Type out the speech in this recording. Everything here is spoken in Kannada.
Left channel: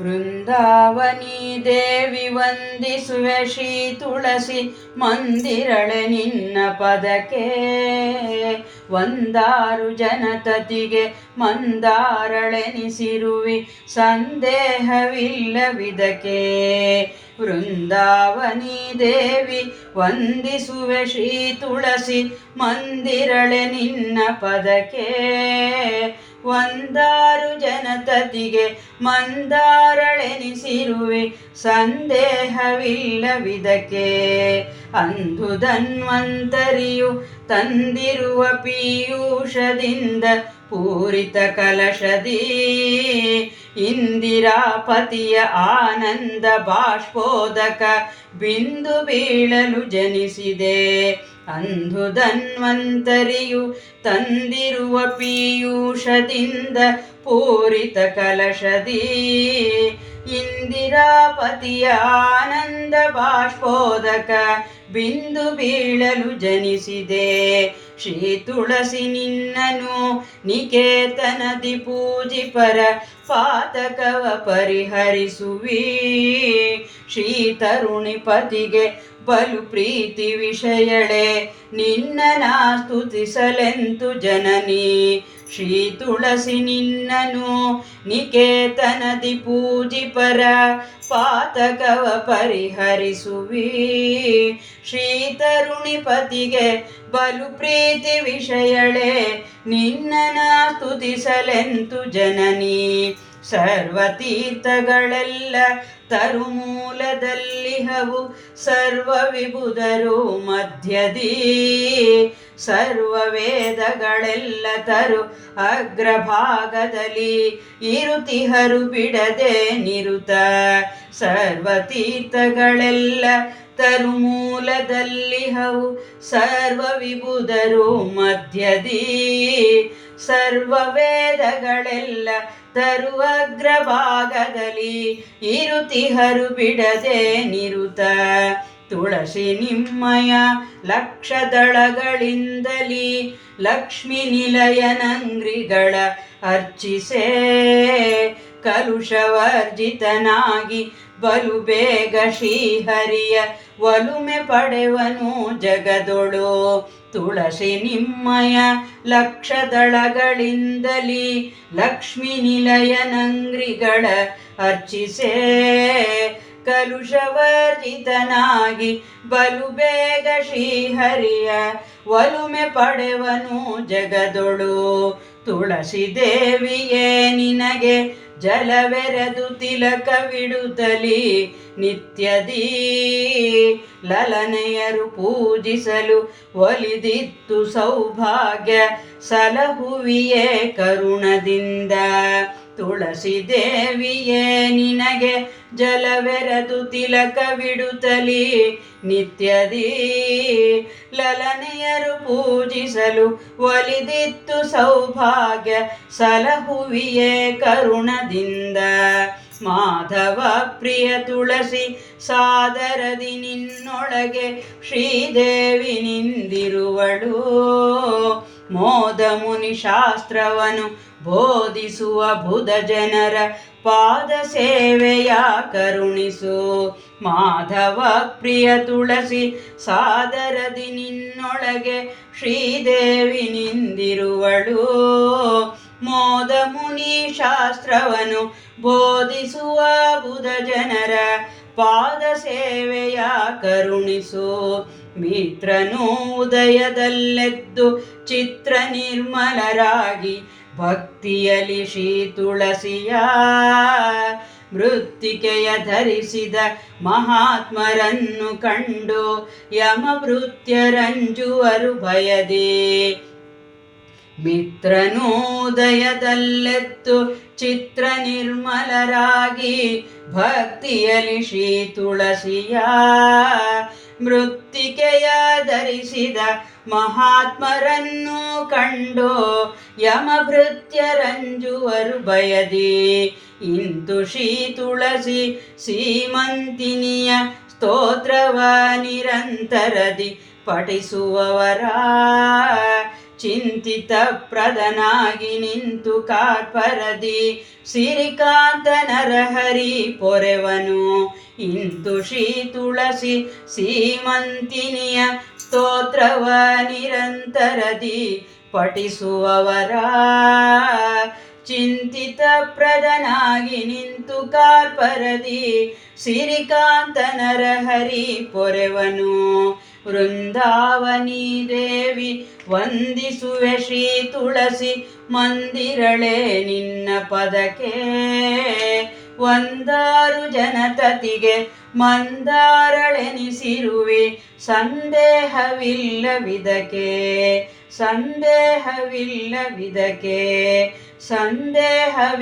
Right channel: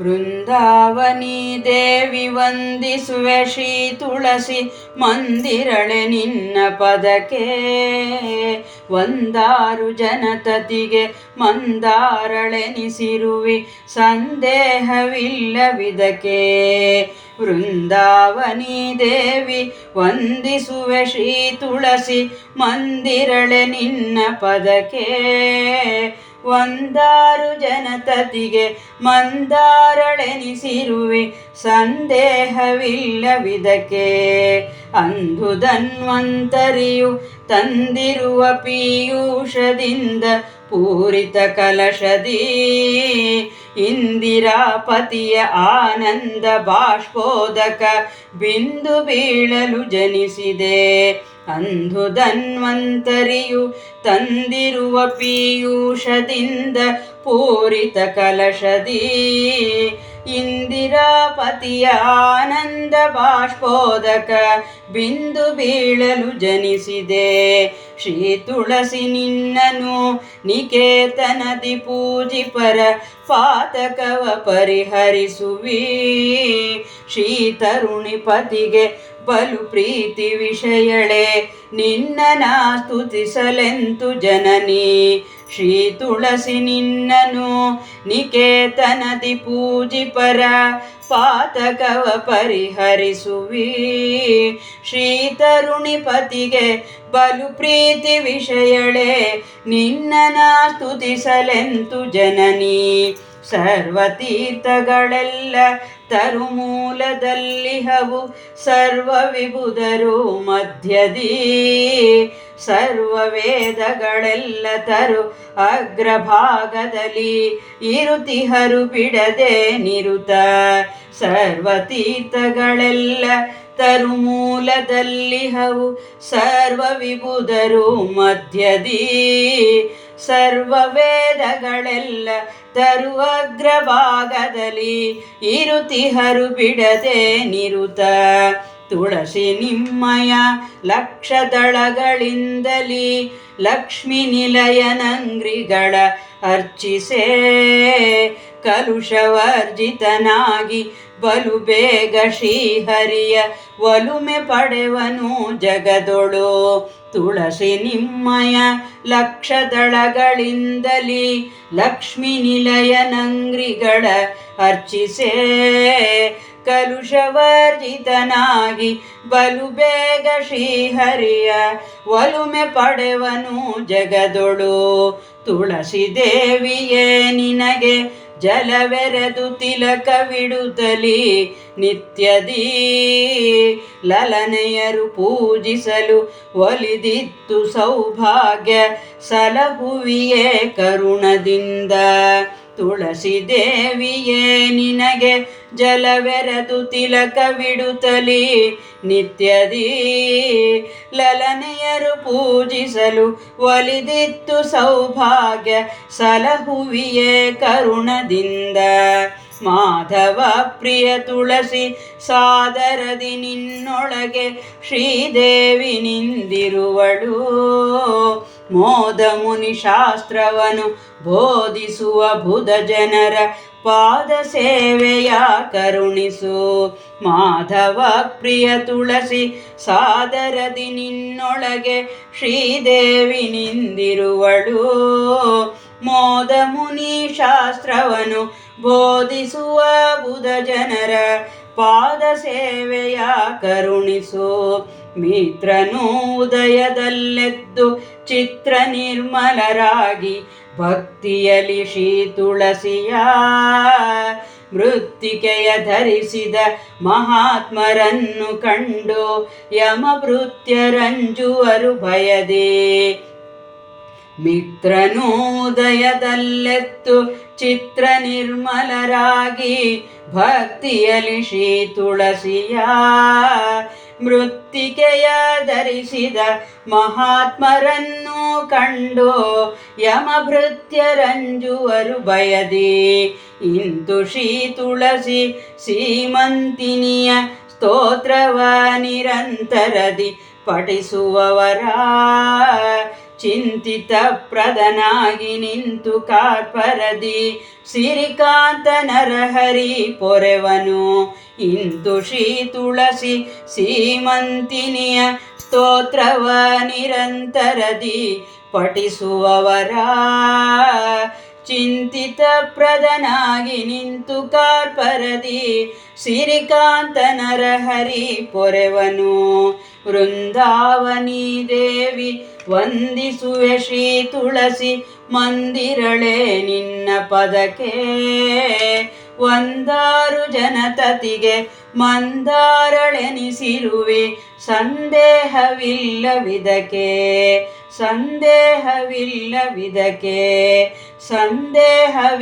ವೃಂದಾವನಿ ದೇವಿ ವಂದಿಸುವೆ ಶ್ರೀ ತುಳಸಿ ಮಂದಿರಳೆ ನಿನ್ನ ಪದಕ್ಕೆ. ಒಂದಾರು ಜನತತಿಗೆ ಮಂದಾರಳೆನಿಸಿರುವಿ ಸಂದೇಹವಿಲ್ಲವಿದಕ್ಕೆ. ವೃಂದಾವನಿ ದೇವಿ ವಂದಿಸುವೆ ಶ್ರೀ ತುಳಸಿ ಮಂದಿರಳೆ ನಿನ್ನ ಪದಕ್ಕೆ. ಒಂದಾರು ಜನತತಿಗೆ ಮಂದಾರಳೆನಿಸಿರುವೆ ಸಂದೇಹವಿಲ್ಲವಿದಕ್ಕೆ. ಅಂದು ಧನ್ವಂತರಿಯು ತಂದಿರುವ ಪೀಯೂಷದಿಂದ ಪೂರಿತ ಕಲಶದಿ ಇಂದಿರಾಪತಿಯ ಆನಂದ ಬಾಷ್ಪೋದಕ ಬಿಂದು ಬೀಳಲು ಜನಿಸಿದೆ. ಅಂದು ಧನ್ವಂತರಿಯು ತಂದಿರುವ ಪೀಯೂಷದಿಂದ ಪೂರಿತ ಕಲಶದಿ ಇಂದಿರಾಪತಿಯ ಆನಂದ ಬಾಷ್ಪೋದಕ ಬಿಂದು ಬೀಳಲು ಜನಿಸಿದೆ. ಶ್ರೀ ತುಳಸಿ ನಿನ್ನನು ನಿಕೇತನದಿ ಪೂಜಿಪರ ಪಾತಕವ ಪರಿಹರಿಸುವಿ. ಶ್ರೀ ತರುಣಿಪತಿಗೆ ಬಲು ಪ್ರೀತಿ ವಿಷಯಳೆ ನಿನ್ನನ ಸ್ತುತಿಸಲೆಂತು ಜನನಿ. ಶ್ರೀ ತುಳಸಿ ನಿನ್ನನು ನಿಕೇತನದಿ ಪೂಜಿಪರ ಪಾತಕವ ಪರಿಹರಿಸುವಿ. ಶ್ರೀ ತರುಣಿಪತಿಗೆ ಬಲು ಪ್ರೀತಿ ವಿಷಯಳೆ ನಿನ್ನನ ಸ್ತುತಿಸಲೆಂತು ಜನನಿ. ಸರ್ವತೀರ್ಥಗಳೆಲ್ಲ ತರುಮೂಲದಲ್ಲಿಹವು ಸರ್ವ ವಿಬುಧರು ಮಧ್ಯದಿ. ಸರ್ವ ವೇದಗಳೆಲ್ಲ ತರು ಅಗ್ರಭಾಗದಲ್ಲಿ ಇರುತಿಹರು ಬಿಡದೆ ನಿರುತ. ಸರ್ವತೀರ್ಥಗಳೆಲ್ಲ ತರುಮೂಲದಲ್ಲಿಹವು ಸರ್ವ ವಿಬುಧರು ಮಧ್ಯದಿ. ಸರ್ವ ವೇದಗಳೆಲ್ಲ ತರು ಅಗ್ರಭಾಗದಲ್ಲಿ ಇರುತಿಹರು ಬಿಡದೆ ನಿರುತ. ತುಳಸಿ ನಿಮ್ಮಯ ಲಕ್ಷದಳಗಳಿಂದಲಿ ಲಕ್ಷ್ಮೀ ನಿಲಯನಂಗ್ರಿಗಳ ಅರ್ಚಿಸೆ. ಕಲುಷವರ್ಜಿತನಾಗಿ ಬಲು ಬೇಗ ಶ್ರೀಹರಿಯ ಒಲುಮೆ ಪಡೆವನು ಜಗದೊಳು. ತುಳಸಿ ನಿಮ್ಮಯ ಲಕ್ಷದಳಗಳಿಂದಲಿ ಲಕ್ಷ್ಮೀ ನಿಲಯನಂಗ್ರಿಗಳ ಅರ್ಚಿಸೆ. ಕಲುಷವರ್ಜಿತನಾಗಿ ಬಲು ಬೇಗ ಶ್ರೀಹರಿಯ ಒಲುಮೆ ಪಡೆವನು ಜಗದೊಳು. ತುಳಸಿ ದೇವಿಯೇ ನಿನಗೆ ಜಲವೆರೆದು ತಿಲಕವಿಡುತ್ತಲಿ ನಿತ್ಯದಿ. ಲಲನೆಯರು ಪೂಜಿಸಲು ಒಲಿದಿತ್ತು ಸೌಭಾಗ್ಯ ಸಲಹುವಿಯೇ ಕರುಣದಿಂದ. ತುಳಸಿ ದೇವಿಯೇ ನಿನಗೆ ಜಲವೆರೆದು ತಿಲಕವಿಡುತ್ತಲಿ ನಿತ್ಯದಿ. ಲಲನೆಯರು ಪೂಜಿಸಲು ಒಲಿದಿತ್ತು ಸೌಭಾಗ್ಯ ಸಲಹುವಿಯೇ ಕರುಣದಿಂದ. ಮಾಧವ ಪ್ರಿಯ ತುಳಸಿ ಸಾದರದಿ ನಿನ್ನೊಳಗೆ ಶ್ರೀದೇವಿ ನಿಂದಿರುವಳು. ಮೋದ ಮುನಿ ಶಾಸ್ತ್ರವನು ಬೋಧಿಸುವ ಬುಧ ಜನರ ಪಾದ ಸೇವೆಯ ಕರುಣಿಸು. ಮಾಧವ ಪ್ರಿಯ ತುಳಸಿ ಸಾದರದಿ ನಿನ್ನೊಳಗೆ ಶ್ರೀದೇವಿ ನಿಂದಿರುವಳು. ಮೋದ ಮುನಿ ಶಾಸ್ತ್ರವನು ಬೋಧಿಸುವ ಬುಧ ಜನರ ಪಾದ ಸೇವೆಯ ಕರುಣಿಸು. ಮಿತ್ರನು ಉದಯದಲ್ಲೆದ್ದು ಚಿತ್ರ ನಿರ್ಮಲರಾಗಿ ಭಕ್ತಿಯಲಿ ಶ್ರೀ ತುಳಸಿಯ ಮೃತ್ತಿಕೆಯ ಧರಿಸಿದ ಮಹಾತ್ಮರನ್ನು ಕಂಡು ಯಮಭೃತ್ಯರಂಜುವರು ಭಯದೆ. ಮಿತ್ರನು ಉದಯದಲ್ಲೆದ್ದು ಚಿತ್ರ ನಿರ್ಮಲರಾಗಿ ಭಕ್ತಿಯಲಿ ಶ್ರೀ ತುಳಸಿಯ ಮೃತ್ತಿಕೆಯ ಧರಿಸಿದ ಮಹಾತ್ಮರನ್ನು ಕಂಡು ಯಮಭೃತ್ಯರಂಜುವರು ಭಯದಿ. ಇಂತು ಶ್ರೀ ತುಳಸಿ ಸೀಮಂತಿನಿಯ ಸ್ತೋತ್ರವ ನಿರಂತರದಿ ಪಠಿಸುವವರ ಚಿಂತಿತ ಪ್ರದನಾಗಿ ನಿಂತು ಕಾರ್ಪರದಿ ಸಿರಿಕಾಂತ ನರಹರಿ ಪೊರೆವನು ಇಂತು ಶ್ರೀ ತುಳಸಿ ಸೀಮಂತಿನಿಯ ಸ್ತೋತ್ರವ ನಿರಂತರದಿ ಪಠಿಸುವವರ ಚಿಂತಿತ ಪ್ರದನಾಗಿ ನಿಂತು ಕಾರ್ಪರದಿ ಸಿರಿಕಾಂತ ನರಹರಿ ಪೊರೆವನು ವೃಂದಾವನಿ ದೇವಿ ವಂದಿಸುವೆ ಶ್ರೀ ತುಳಸಿ ಮಂದಿರಳೆ ನಿನ್ನ ಪದಕ್ಕೆ ಒಂದಾರು ಜನತತಿಗೆ ಮಂದಾರಳೆನಿಸಿರುವೆ ಸಂದೇಹವಿಲ್ಲವಿದಕ್ಕೆ ಸಂದೇಹವಿಲ್ಲವಿದಕ್ಕೆ ಸಂದೇಹವಿಲ್ಲವಿದಕ್ಕೆ